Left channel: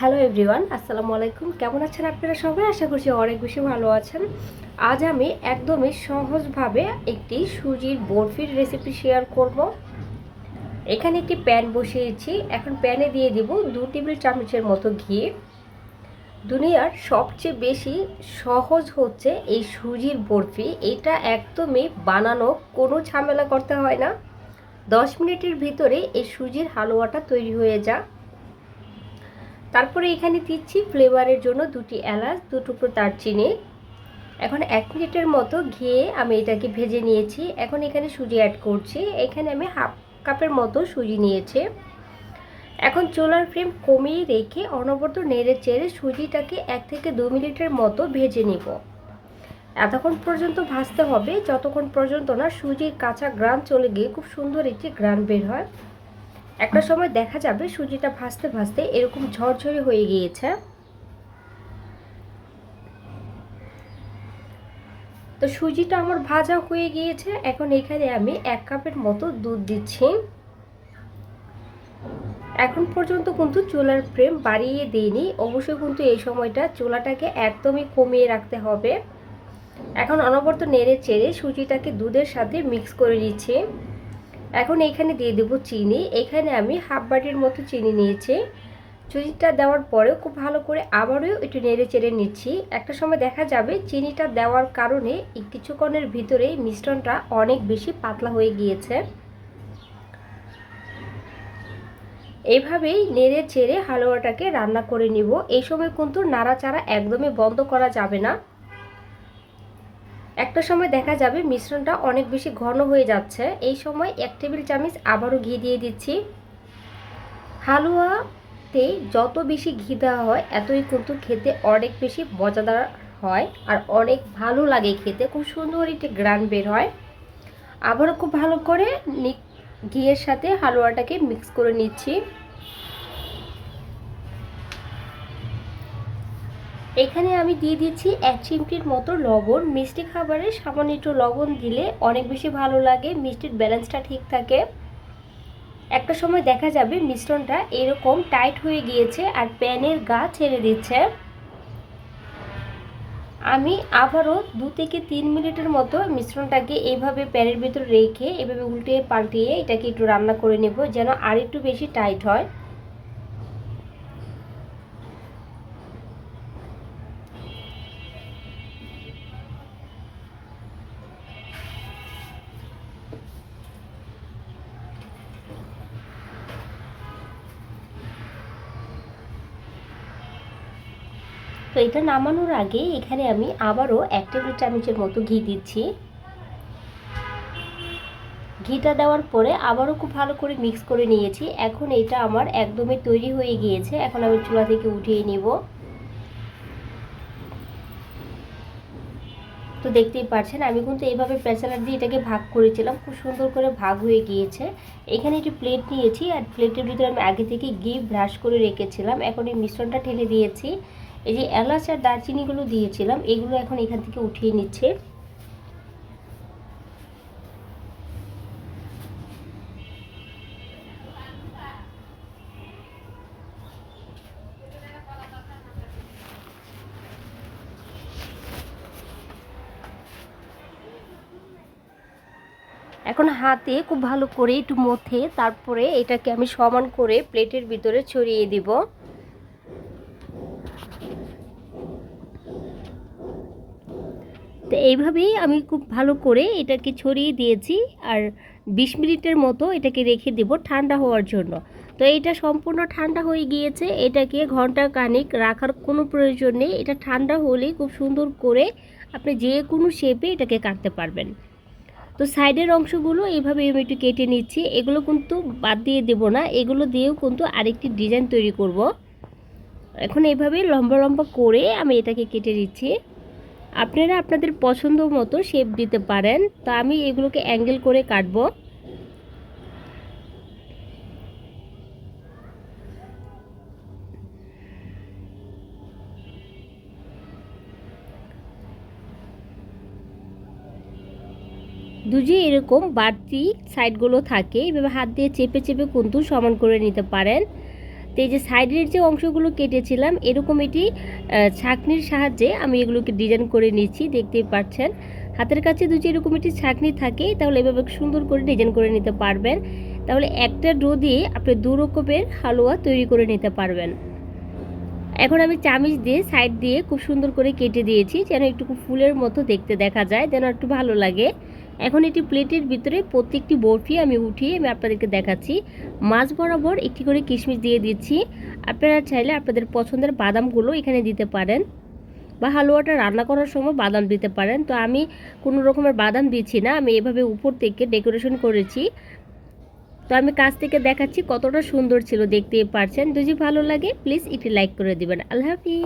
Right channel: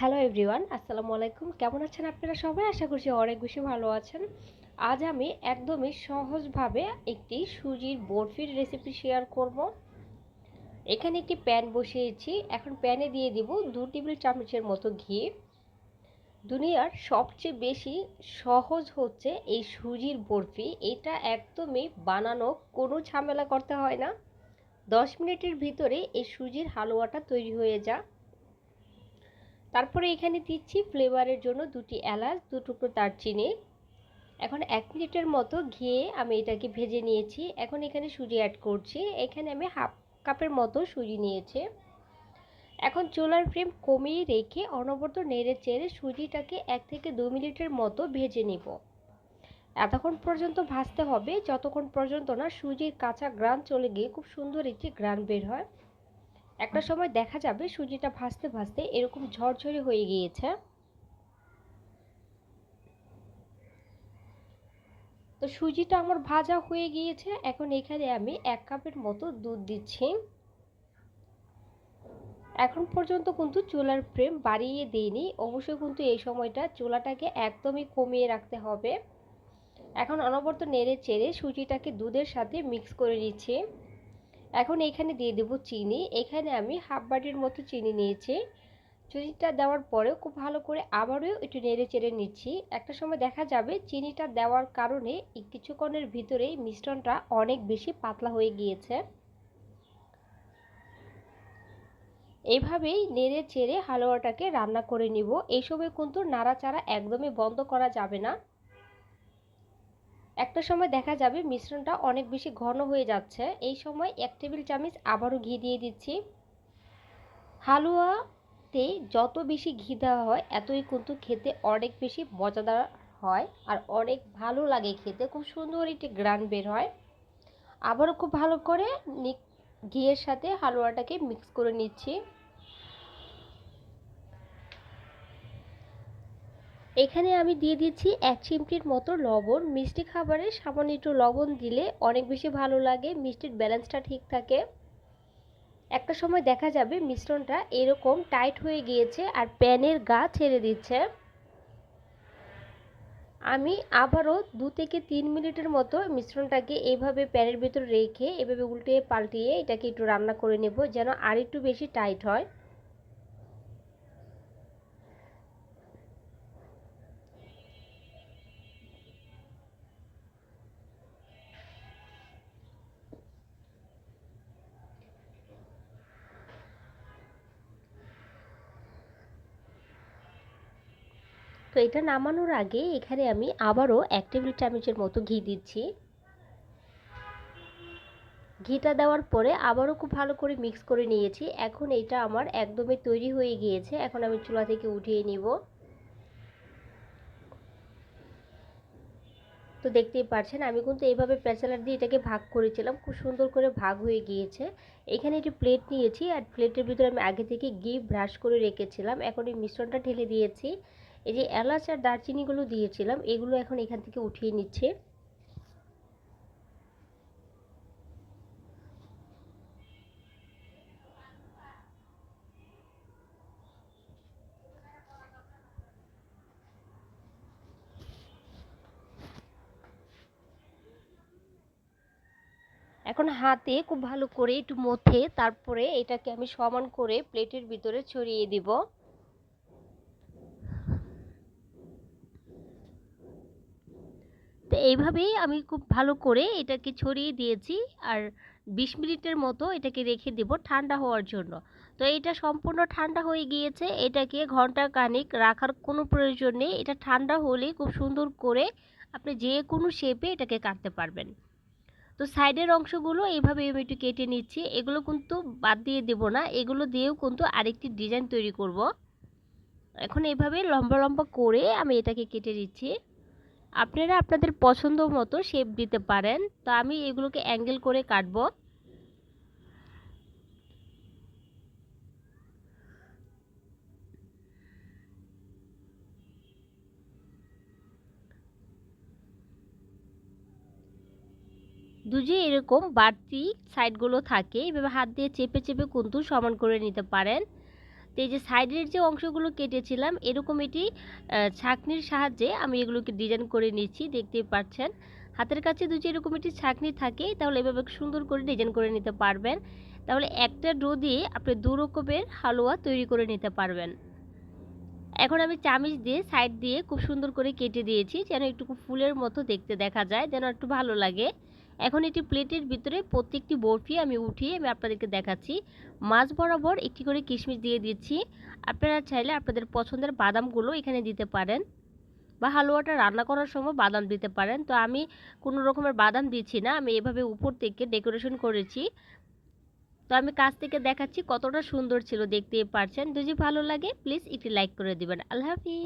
Hello everyone আসসালামু আলাইকুম। কেমন আছেন আপনারা সবাই? আশা করছি অনেক বেশি ভালো আছেন। আজ আমি একদমই সহজভাবে একটি সুজির বরফির রেসিপি শেয়ার করব। এখানে একটি প্যান বসিয়েছি। এখন প্যানে দিয়ে দিব দু টেবিল চামচের মতো ঘি। দুনিয়ার সবচেয়ে বেশি সহজ হচ্ছে এই সুজির বরফি। এটা একদমই বানানো, কোনো ঝামেলা করতে হয় না। দশ মিনিটের ভিতরে এই সুজির হালুয়াটা তৈরি হয়ে যায় তারপরে এখানে দিচ্ছি ফ্লেভারের জন্য দুটি এলাচ, দু টুকরো দারচিনি। এখন এক মিনিটের মতো ঘিয়ে আমি এটাকে ভেজে নিয়েছি। এখন এখানে সুজি অ্যাড করছি। এখানে আমি হাফ কাপের মতো সুজি নিয়েছি। এখন চোলার ফ্লেম কমিয়ে রেখে অনবরত নেড়ে চেড়ে সুজিটাকে এক থেকে দু মিনিটের মতো ভেজে নিব। এতক্ষণ পর্যন্ত ভাজতে হবে। যতক্ষণ পর্যন্ত না সুজির কাঁচা গ্রান চলে গিয়ে খুব সুন্দর একটি গ্রান বের হয়। একটা সময় দেখা যাবে সুজিটা ভাজতে ভাজতে এরকম ঝরঝরে হয়ে গিয়েছে। তো সুজিটা আমার ভাজা হয়ে গিয়েছে, এখন এখানে আমি এক কাপের মতো দুধ দিচ্ছি। এখন পর্যন্ত কিন্তু চুলার ফ্লেম বাড়িয়ে দিইনি, অবশ্যই কিন্তু এই সময়টা চুলাটাকে একদমই কমিয়ে রাখতে হবে। এখন অনবরত নেড়ে চেড়ে সুজিটাকে দুধের সাথে মিক্স করে দিচ্ছি এখন এখানে দিয়ে দেব চিনি। এখানে আমি হাফ বাটির মতো চিনি নিয়েছি। চিনিটা দেওয়ার পরেও খুব ভালো করে আবারও একটু নেড়ে চেড়ে নিচ্ছি। একটা সময় দেখা যাবে চিনিটা দেওয়ার কারণে কিছুক্ষণের ভিতরে মিশ্রণটা অনেক বেশি পাতলা হয়ে গিয়েছে। এইভাবেই নেড়ে চেড়ে হালুয়াটাকে রান্না করে নিব। এই সময় কিন্তু নাড়াচাড়া একদমই বন্ধ করা যাবে না। একটা সময় দেখা যাবে মিশ্রণটা অনেক বেশি ঘন হয়ে যাচ্ছে। এই সময় এক টেবিল চামচ আবারও ঘি দিয়ে দিচ্ছি। হালুয়াতে যত বেশি ঘি দেওয়া হয়, এতই কিন্তু খেতে অনেক বেশি মজাদার হয় আর অনেক ভালো লাগে খেতে। খুব সুন্দর একটি গ্রান বের হয়। আবারও খুব ভালো করে ঘিয়ের সাথে হালুয়াটাকে মিক্স করে নিচ্ছি। এখানে আমি দিয়ে দিচ্ছি এক চিমটির মতো লবণ। মিষ্টি খাবারে সামান্য একটু লবণ দিলে অনেক বেশি ভালো লাগে, মিষ্টির ব্যালেন্সটা ঠিক থাকে। একটা সময় দেখা যাবে মিশ্রণটা এরকম টাইট হয়ে গিয়েছে আর প্যানের গা ছেড়ে দিচ্ছে। আমি আবারও দু থেকে তিন মিনিটের মতো মিশ্রণটাকে এইভাবে প্যানের ভিতর রেখে এভাবে উল্টে পাল্টিয়ে এটাকে একটু রান্না করে নেব যেন আর একটু বেশি টাইট হয়। তো এটা নামানোর আগে এখানে আমি আবারও এক টেবিল চামচের মতো ঘি দিচ্ছি। ঘিটা দেওয়ার পরে আবারও খুব ভালো করে মিক্স করে নিয়েছি। এখন এটা আমার একদমই তৈরি হয়ে গিয়েছে। এখন আমি চুলা থেকে উঠিয়ে নিব। তো দেখতেই পাচ্ছেন, আমি কিন্তু এইভাবে প্রেসারার দিয়ে এটাকে ভাগ করেছিলাম। খুব সুন্দর করে ভাগ হয়ে গিয়েছে। এখানে একটি প্লেট নিয়েছি আর প্লেটের ভিতরে আমি আগে থেকে ঘি ব্রাশ করে রেখেছিলাম। এখন এই মিশ্রণটা ঠেলে দিয়েছি। এই যে এলাচ আর দারচিনিগুলো দিয়েছিলাম, এগুলো এখন এখান থেকে উঠিয়ে নিচ্ছে। এখন হাতে খুব ভালো করে একটু মথে, তারপরে এটাকে আমি সমান করে প্লেটের ভিতরে ছড়িয়ে দিব। তো এইভাবেই আমি খুব ভালো করে এটাকে ছড়িয়ে দিয়েছি আর বিশ মিনিটের মতো এটাকে রেখে দেব ঠান্ডা হওয়ার জন্য। তো এটা সম্পূর্ণ ঠান্ডা হয়ে গিয়েছে, এটাকে ঘণ্টা কানিক রাখার কোনো প্রয়োজন নেই। এটা ঠান্ডা হলেই খুব সুন্দর করে আপনি যে কোনো শেপে এটাকে কাটতে পারবেন। তো সাইডের অংশগুলো এইভাবে আমি একটু কেটে নিচ্ছি, এগুলো কিন্তু বাদ দিয়ে দেব না, এগুলো দিয়েও কিন্তু আরেকটি ডিজাইন তৈরি করব। এখন এইভাবে লম্বা লম্বা করে আমি এটাকে কেটে দিচ্ছি আপনারা আপনাদের পছন্দ মতো শেপ দিতে পারেন। তো আমি এগুলোকে অ্যাঙ্গেল করে কাটবো। দুজি এরকম বাড়তি সাইডগুলো থাকে। এভাবে হাত দিয়ে চেপে চেপে কিন্তু সমান করে নিতে পারেন। তো এই যে সাইডের যে অংশগুলো কেটেছিলাম, এরকম এটি ছাঁকনির সাহায্যে আমি এগুলোকে ডিজাইন করে নিচ্ছি, দেখতেই পাচ্ছেন। হাতের কাছে যদি এরকম একটি ছাঁকনি থাকে, তাহলে এভাবে সুন্দর করে ডিজাইন করে নিতে পারবেন। তাহলে একটা ডো দিয়ে আপনি দু রকমের হালুয়া তৈরি করে নিতে পারবেন। এখন আমি চামিচ দিয়ে সাইড দিয়ে খুব সুন্দর করে কেটে দিয়েছি, যেন একটু ফুলের মতো দেখতে দেখা যায়, যেন একটু ভালো লাগে। এখন এটি প্লেটের ভিতরে প্রত্যেকটি বরফি আমি উঠিয়ে আমি আপনাদেরকে দেখাচ্ছি। মাছ বরাবর একটি করে কিশমিশ দিয়ে দিচ্ছি। আপনারা চাইলে আপনাদের পছন্দের বাদামগুলো এখানে দিতে পারেন বা হালুয়াটা রান্না করার সময় বাদাম দিতে পারেন। তো আমি কোনো রকমের বাদাম দিচ্ছি না, আমি এভাবে উপর থেকে ডেকোরেশন করেছি। তো আমি কাছ থেকে দেখাচ্ছি কতটা সুন্দর ছিল দেখতে পারছেন। যদি ভালো লাগে, প্লিজ একটি লাইক করে দিবেন। আল্লাহ হাফিজ।